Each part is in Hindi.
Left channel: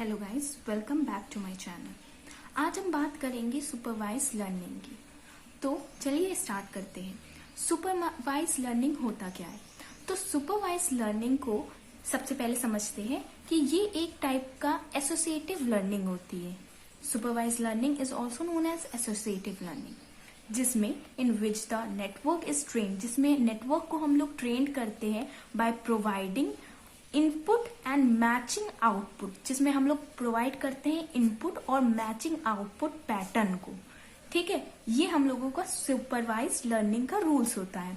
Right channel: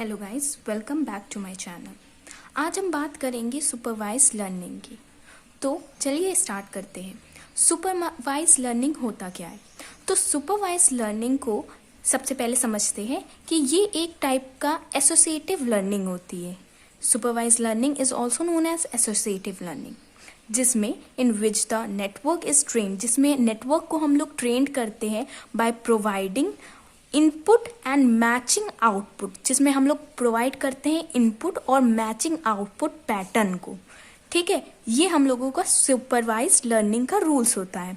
Hello guys, welcome back to my channel. आज हम बात करेंगे सुपरवाइज लर्निंग की। तो चलिए स्टार्ट करते हैं। सुपरवाइज लर्निंग होता क्या है? तो सुपरवाइज लर्निंग को सबसे पहले समझते हैं कि ये एक टाइप का एसोसिएटिव लर्निंग होती है। Supervise learning is also known as associative learning, जिसमें in which the network is train, जिसमें नेटवर्क को हम लोग ट्रेन करते हैं by providing input and matching output, जिसमें हम लोग प्रोवाइड करते हैं इनपुट और मैचिंग आउटपुट पैटर्न को। ठीक है, ये हम लोगों का सुपरवाइज लर्निंग का रूल्स होता है।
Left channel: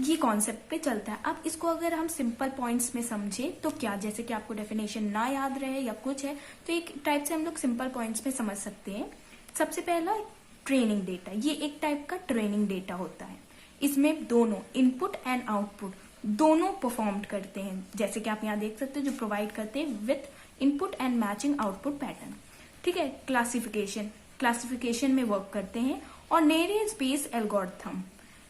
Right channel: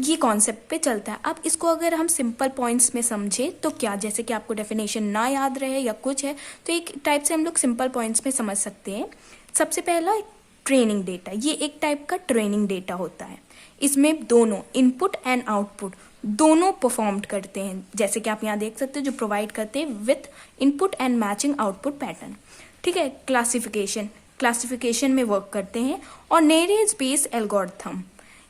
ये कॉन्सेप्ट पे चलता है। अब इसको अगर हम सिंपल पॉइंट्स में समझे तो क्या, जैसे कि आपको डेफिनेशन ना याद रहे या कुछ है तो एक टाइप से हम लोग सिंपल पॉइंट्स में समझ सकते हैं। सबसे पहला ट्रेनिंग डेटा, ये एक टाइप का ट्रेनिंग डेटा होता है। इसमें दोनों इनपुट एंड आउटपुट दोनों परफॉर्म करते हैं, जैसे कि आप यहाँ देख सकते हो, जो प्रोवाइड करते हैं with input and matching output pattern. ठीक है, क्लासिफिकेशन में वर्क करते हैं और नेरेज बेस एल्गोरिथम,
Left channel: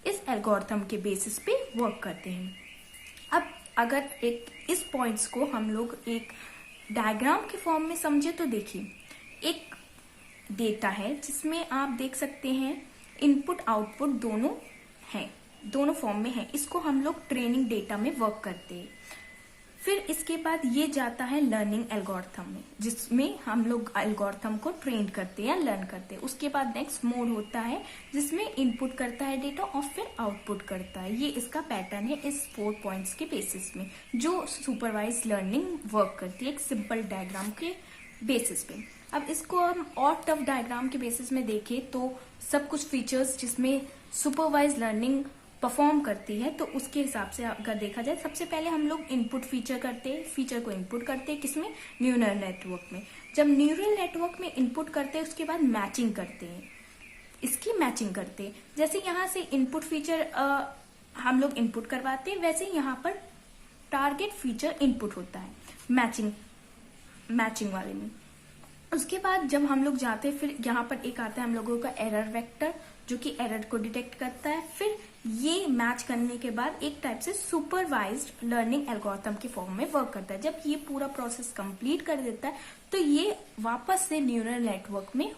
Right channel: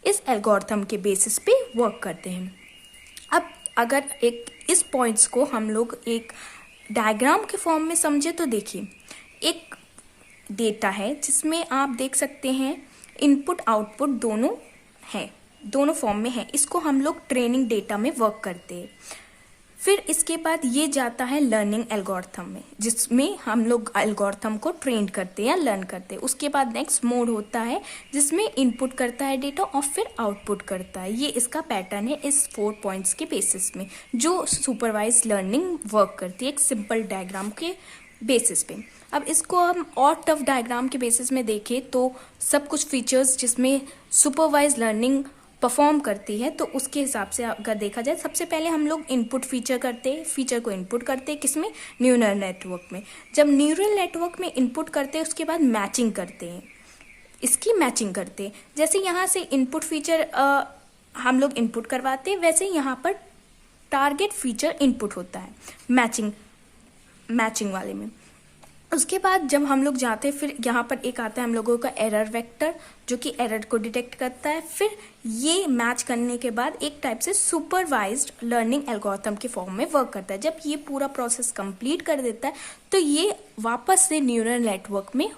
इस एल्गोरिथम के बेसिस पे वर्क करते हैं। अब अगर एक इस पॉइंट्स को हम लोग एक डायग्राम के फॉर्म में समझे तो देखिए, एक डेटा है जिसमें आप देख सकते हैं इनपुट आउटपुट दोनों हैं, दोनों फॉर्म में है। इसको हम लोग ट्रेनिंग डेटा में वर्क करते हैं। फिर इसके बाद ये जाता है लर्निंग एल्गोरिथम में, जिसमें हम लोग एल्गोरिथम को ट्रेन करते हैं या लर्न करते हैं। उसके बाद नेक्स्ट मोड होता है जिसमें इनपुट करता है डेटा और फिर आउटपुट करता है। ये इसका पैटर्न है इस 4 पॉइंट्स के बेसिस में, जो सुपरवाइज लर्निंग वर्क करती है एक सिंपल डायग्राम के बेसिस पे। अब इसको हम और टफ डायग्राम के बेसिस में देखें तो सब कुछ फीचर्स जिसमें सुपरवाइज लर्निंग परफॉर्म करती है, तो उसके हिसाब से अगर देखा जाए, सबसे पहले हम लोग इनपुट फीचर को इनपुट करते हैं, किसमें? न्यूरल नेटवर्क में। जब न्यूरल नेटवर्क में इनपुट करते हैं उसके बाद मैचिंग करते हैं, इसकी मैचिंग करते हैं। जैसे यहाँ से इनपुट फीचर हम लोग इनपुट करवाते हैं, वैसे यहाँ पर टारगेट फीचर इनपुट होता है मैचिंग वाले में। उसके बाद जब हम लोग जाते हैं, फिर यहाँ पर एक आता है हम लोगों का एरर वेक्टर, जो कि एरर को डिटेक्ट करता है। फिर ये मैच करने के बाद एक टाइप से सुपरवाइज्ड लर्निंग एल्गोरिथम के फॉर्म में वर्क करता है। जब ये पूरा प्रोसेस कंप्लीट कर देता है तो ये वापस से न्यूरल नेटवर्क में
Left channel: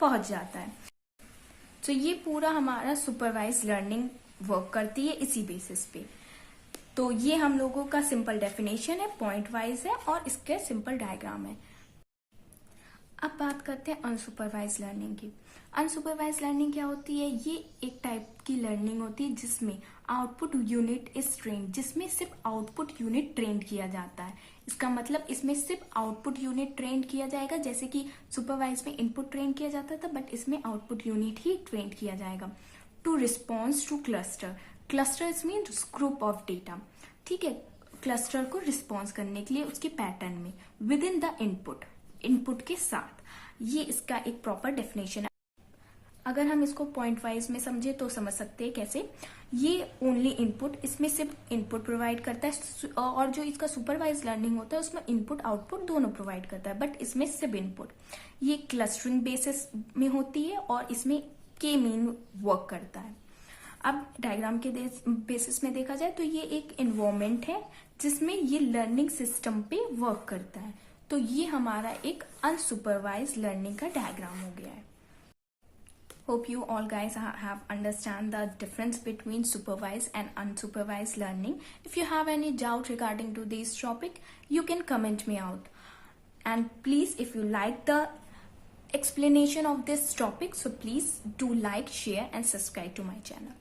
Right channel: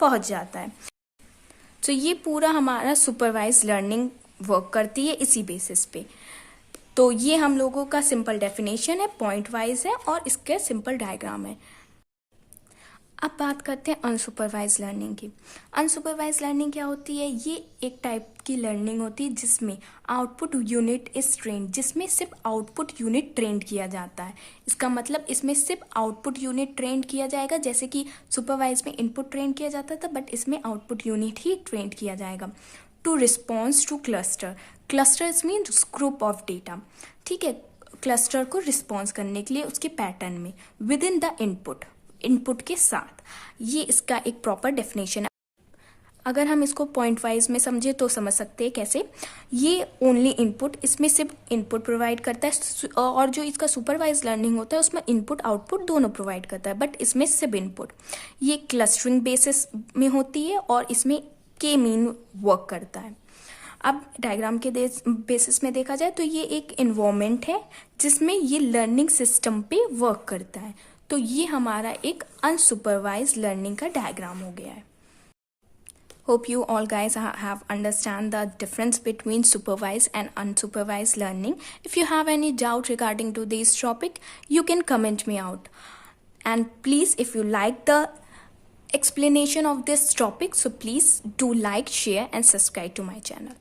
पहुंच जाता है। तो ये पूरा हमारा सुपरवाइज्ड लर्निंग वर्क करती है इसी बेसिस पे। तो ये हम लोगों का सिंपल डेफिनेशन है, पॉइंट वाइज है और इसके सिंपल डायग्राम है। अब बात करते हैं अनसुपरवाइज लर्निंग की। अनसुपरवाइज लर्निंग क्या होती है? ये एक टाइप की लर्निंग होती है जिसमें आउटपुट यूनिट इज ट्रेंड, जिसमें सिर्फ आउटपुट यूनिट ट्रेंड किया जाता है। इसका मतलब इसमें सिर्फ आउटपुट यूनिट ट्रेंड किया जाएगा, जैसे कि सुपरवाइज में इनपुट ट्रेंड किया जाता था, बट इसमें आउटपुट यूनिट ही ट्रेंड किया जाएगा। To response to clusters means group of data. ठीक है, क्लस्टर को रिस्पॉन्स करने के लिए उसके पैटर्न में विद इन द इनपुट के साथ, ये इसका एक प्रॉपर डेफिनेशन है। अगर हम इसको पॉइंट वाइज में समझे तो समझ सकते हैं कैसे। ये ओनली इनपुट, इसमें सिर्फ इनपुट प्रोवाइड करता है, और जो इसका सुपरवाइज लर्निंग होता है उसमें इनपुट आउटपुट दोनों प्रोवाइड करता है, बट इसमें सिर्फ इनपुट। ये क्लस्टरिंग बेसिस में होती है और इसमें के मीन वर्क करता है। अब डायग्राम के बेसिस में देखा जाए तो ये एक इन्वायरमेंट है जिसमें ये लर्निंग सिस्टम पे वर्क करता है। तो ये हमारा एक अनसुपरवाइज लर्निंग का डायग्राम हो गया है। Hope you all guys have understand the difference between supervised and unsupervised learning. If you have any doubt regarding to this topic, you can comment me out. And please, if you like the explanation of this topic, so please do like, share and subscribe to my channel.